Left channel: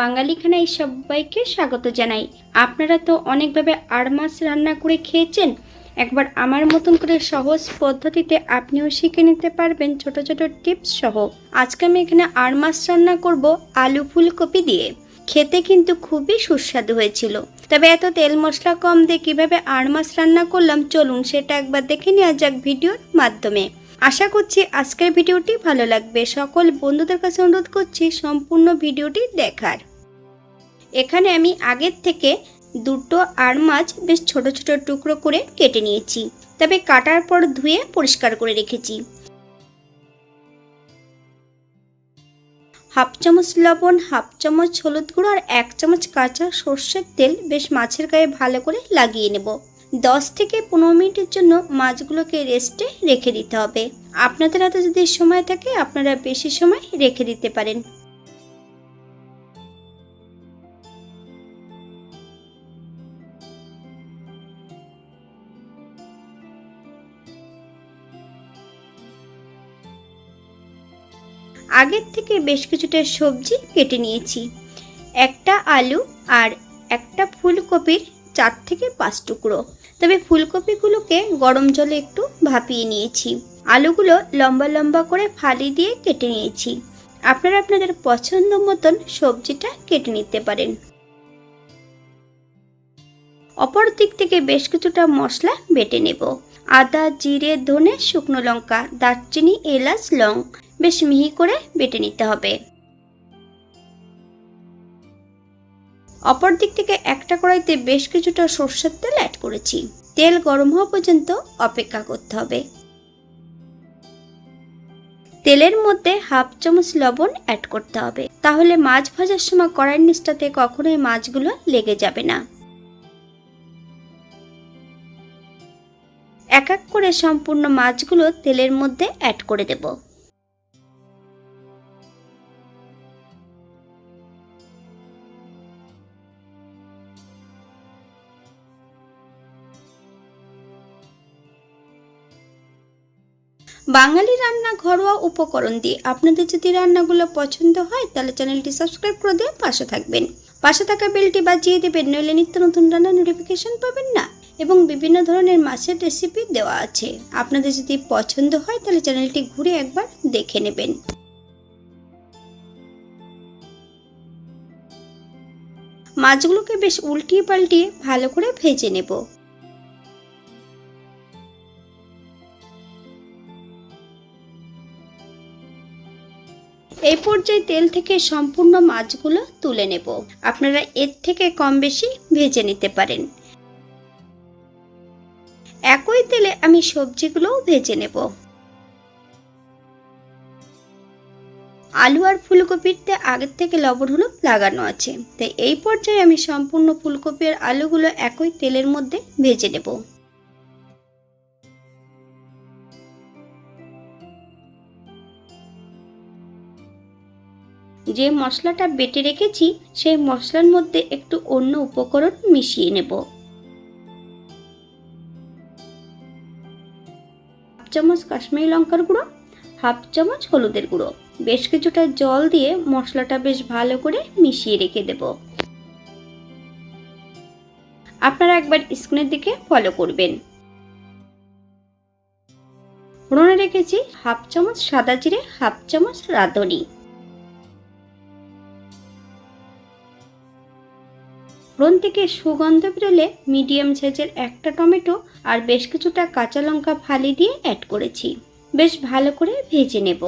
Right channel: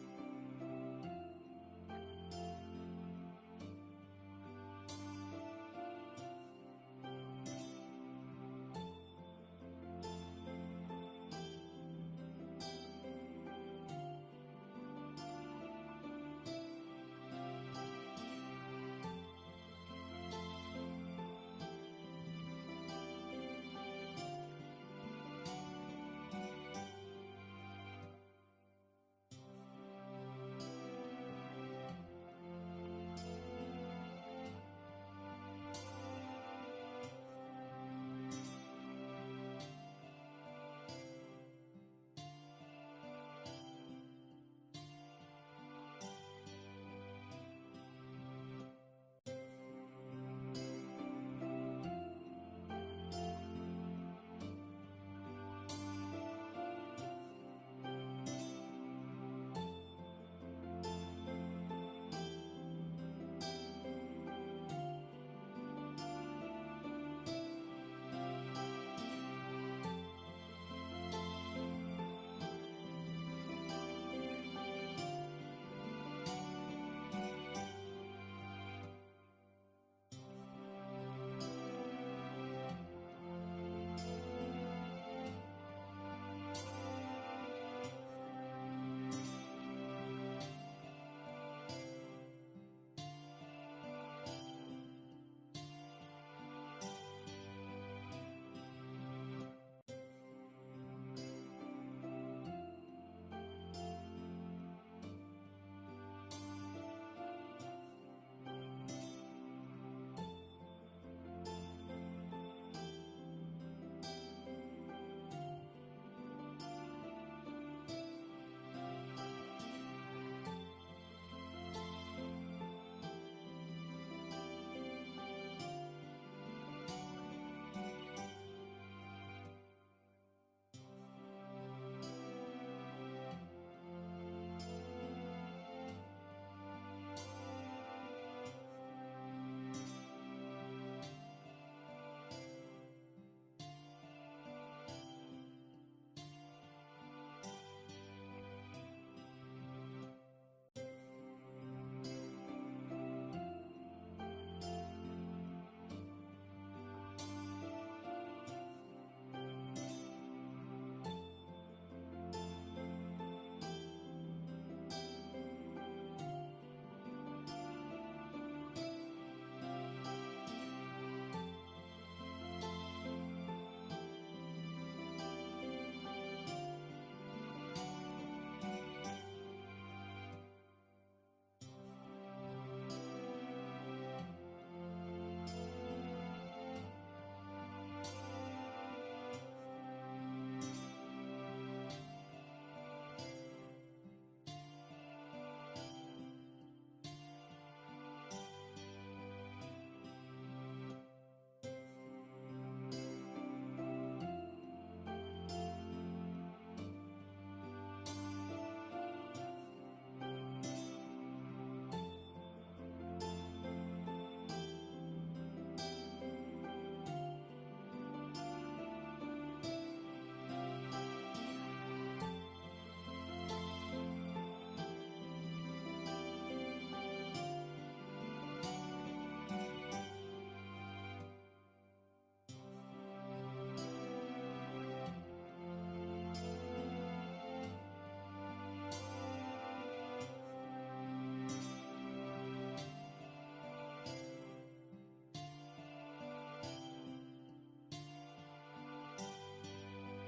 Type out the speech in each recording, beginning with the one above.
বাঙালি খানায় সবাইকে স্বাগত জানাই। আপনারা তো অনেকভাবে আড় মাছ রান্না করে খেয়েছেন। একবার আমার মতন করে সহজ পদ্ধতিতে আপনিও শিখে নিতে পারবেন ছোট ছোট টিপস সহ। আজকে আমি এখানে আড় মাছ রান্না করব আলু ফুলকপি দিয়ে। খেতে কিন্তু খুবই সুস্বাদু হয়েছিল। তবে এত তেল মশলা কম দিয়ে কীভাবে আড় মাছ রান্না করলাম চলুন সেটা একবার দেখে নেওয়া যাক ভিডিওর মাধ্যমে। আশা করছি আজকের ভিডিওটি ভালো লাগবে। সকল বন্ধুদের কাছে অনুরোধ করছি সম্পূর্ণ ভিডিওটি দেখার। এখানে আমি আগের থেকে দুটো আর মাছ বেশ ছোট ছোট টুকরো করে কেটে নিয়েছি। তবে কাটার পর ধুয়ে পরিষ্কার করে রেখেছি। হাফ চামচ লবণ, হাফ চামচ হলুদ গুঁড়ো আর এক চামচ কাঁচা সর্ষের তেল বেশ মাছের গায়ে ভালো করে লাগিয়ে নেব। দশ থেকে পনেরো মিনিটের জন্য মাছগুলোকে রেস্টে রেখে দিতে হবে। আপনাদের হাতে যদি সময় থাকে, আপনারা বেশি সময় রেখে দিতে পারেন। আগের থেকে বেশ কিছুটা সবজি কেটে নিয়েছি। একটা আলু আর একটা ফুলকপির চার থেকে পাঁচ টুকরো। তবে ফুলকপিগুলোকে গরম জলে একটু ভাপিয়ে নিয়েছি। আলুগুলো লম্বা লম্বা করে ফালি দিয়ে কেটে নিয়েছি। আপনারা আপনাদের পছন্দ মতন সবজিটা কেটে নিতে পারেন। অপর দিক থেকে বেশ কিছুটা মশলা বেটে নেব। আদা, জিরে, ধনে, শুকনো লঙ্কা, দারচিনি, এলাচ, লং। বেশ মিহি করে বেটে নিতে হবে। অপর দিক থেকে একটা কড়াইতে বেশ কিছুটা সর্ষের তেল অ্যাড করেছি। তেল গরম হওয়া পর্যন্ত অপেক্ষা করতে হবে। তেলের মধ্যে হাফ চামচ লবণ অ্যাড করতে হবে। তাহলে মাছ ভাজার সময় কড়াইয়ের নিচটাতে কখনোই মাছগুলো লেগে যাবে না। এক এক করে সম্পূর্ণ মাছগুলো তেলের মধ্যে অ্যাড করে দেবো। বাঙালি রান্না ঘরোয়া উপকরণ দিয়ে আপনাদের যদি রান্নাগুলো পছন্দ হয়, তাহলে চ্যানেলটি সাবস্ক্রাইব করে দিয়ে পাশে থাকবেন। পাশে থাকা বেলটি বাজিয়ে দেবেন, নইলে নিত্য নতুন রান্না নোটিফিকেশন পাবেন না। এবং বিভিন্ন ধরনের মাছের রেসিপি দেওয়া আছে। আপনাদের যদি পছন্দ হয়, তাহলে চ্যানেলটি ঘুরে একবার দেখে নেবেন। মাছগুলোকে বেশ উল্টিয়ে পাল্টিয়ে ভালো করে ভেজে নেব। এই পর্যায়ে তেল থেকে সম্পূর্ণ মাছগুলো তুলে নেব। আপনারা এর থেকে কম বেশি ভেজে নিতে পারেন। একই তেলে আমি সবজিগুলোও ভেজে নেব। আলু আর ফুলকপিতে আগের থেকে লবণ হলুদ লাগানো আছে। তাই এই পর্যায়ে আমি সম্পূর্ণ ফুলকপি আর আলুগুলো একই তেলের মধ্যে ভেজে নেব। যে মশলাটা বেটে রেখেছি, সেই মশলার মধ্যে একটু অন্য উপকরণ মিশিয়ে নেব। হাফ চামচ কাশ্মীরি লঙ্কার গুঁড়ো, হাফ চামচ হলুদের গুঁড়ো। বেশ কিছুটা জল দিয়ে মশলাটা বেশ ভালো করে মিশিয়ে রেখে দেব। আপনারা একবার স্ক্রিনের দিকে ফলো করবেন। ফোড়নে রেখেছি হাফ চামচ সাদা জিরে, হাফ চামচ রাঁধুনি। ফোড়ন থেকে সুগন্ধ বেরোলে মিডিয়াম সাইজের একটা টমেটো আর বেশ কিছুটা কাঁচা লঙ্কা ফালি দিয়ে অ্যাড করেছি। বেশ ভালো করে ভেজে নেব।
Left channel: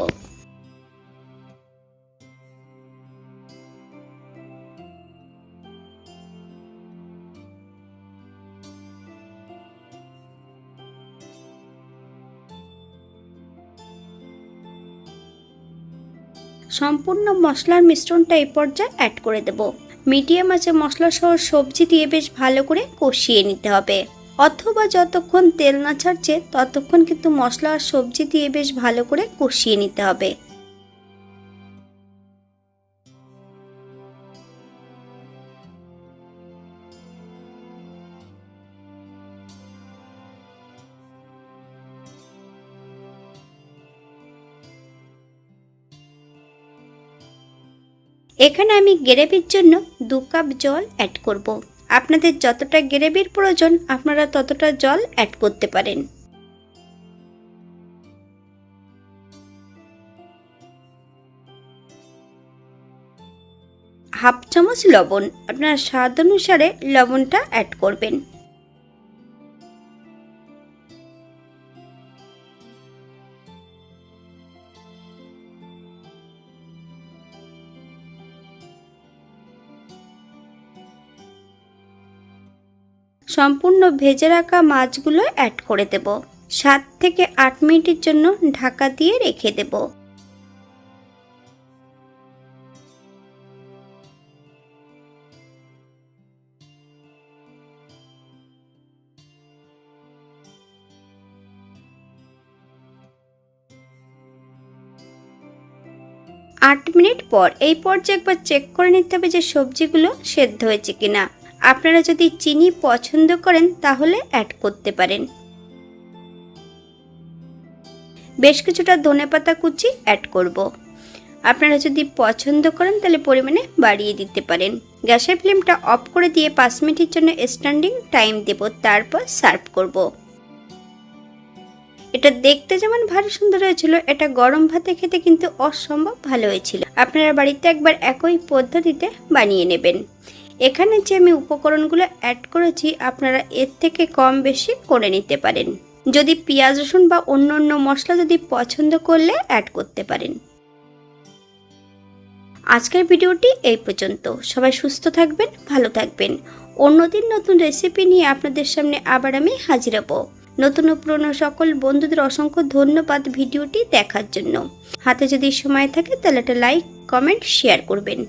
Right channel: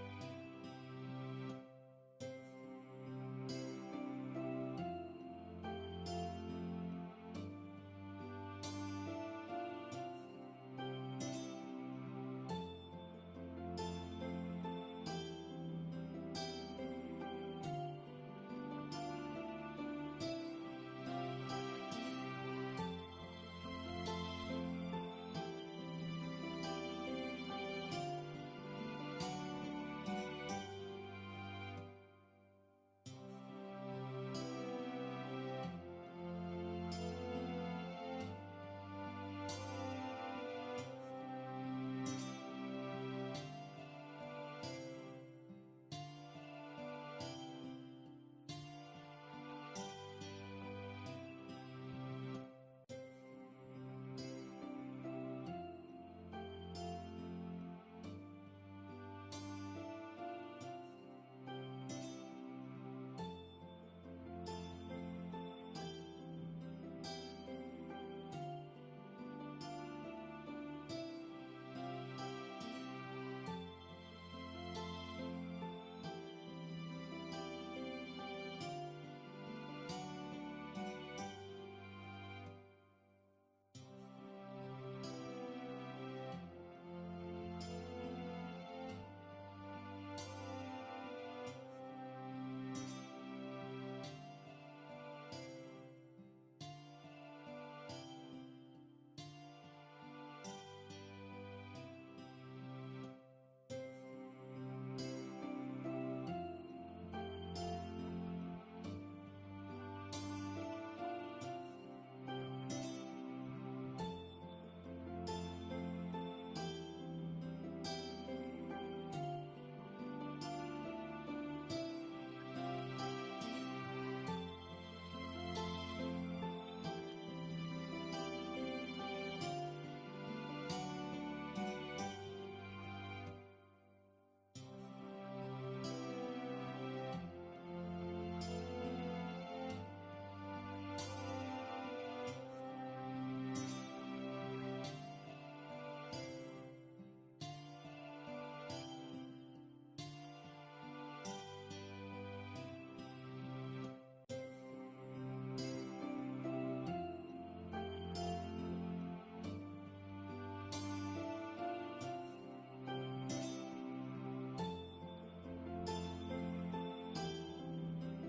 সম্পূর্ণ মশলার মিশ্রণটা এই পর্যায়ে অ্যাড করে দেবো। মিডিয়াম আছে মশলা সহ সবজি দিয়ে বেশ ভালো করে কষিয়ে নিতে হবে। অথবা যতক্ষণ তেল না ছাড়ছে, ততক্ষণ কিন্তু মশলা আর সবজি দিয়ে বেশ ভালো করে কষিয়ে নিতে হবে। এখানে আমি গ্রেভির জন্য দু কাপ জল অ্যাড করব। আপনাদের যতটা গ্রেভির প্রয়োজন, আপনারা ততটা জল অ্যাড করতে পারেন। হাফ চামচ লবণ। আপনার স্বাদ অনুসারে লবণটা অ্যাড করবেন। সম্পূর্ণ ভেজে রাখা মাছগুলো অ্যাড করে দেব। সাত থেকে আট মিনিটের জন্য ঢাকা দিয়ে রেখে দেব। আট মিনিট পর এই পর্যায়ে একবার চেক করে নিতে হবে যে সবজিগুলো সেদ্ধ হয়েছে কিনা। আপনারা যদি চিনি পছন্দ করেন, তাহলে অ্যাড করতে পারেন বেশ কিছুটা ধনেপাতা কুচি অ্যাড করব। আপনারা যদি পছন্দ করেন, তাহলে পরিমাণে বাড়িয়ে দিতে পারেন গ্যাসের ফ্লেমটা অফ করে দিয়ে পাঁচ মিনিটের জন্য স্ট্যান্ডিং টাইম দেব, তারপর সার্ভ করব। এটা দেখতে যেমন ভারী সুন্দর হয়েছিল, এটা গরম ভাতে খেতে কিন্তু অসম্ভব ভালো হয়েছিল আপনারা বাড়িতে একবার একই পদ্ধতিতে বানিয়ে নেবেন এখানে যে আমি উপকরণগুলো অ্যাড করেছি, আপনারা এর থেকে কম বেশি করে নিতে পারেন। যদি পেঁয়াজ, রসুন বা অন্য অন্য মশলা যদি পছন্দ করলে অ্যাড করতে পারেন। আজকের ভিডিওটি এই পর্যন্ত। সবাই সুস্থ থাকবেন, ভালো থাকবেন। অন্যদিন নতুন রেসিপি নিয়ে আপনাদের সামনে আবার আমি হাজির হব। নতুন ও পুরনো সকল বন্ধুদের অসংখ্য ধন্যবাদ ভিডিওটি দেখার জন্য। হাতে যদি সময় থাকে তাহলে একটা লাইক কমেন্ট শেয়ার করবেন।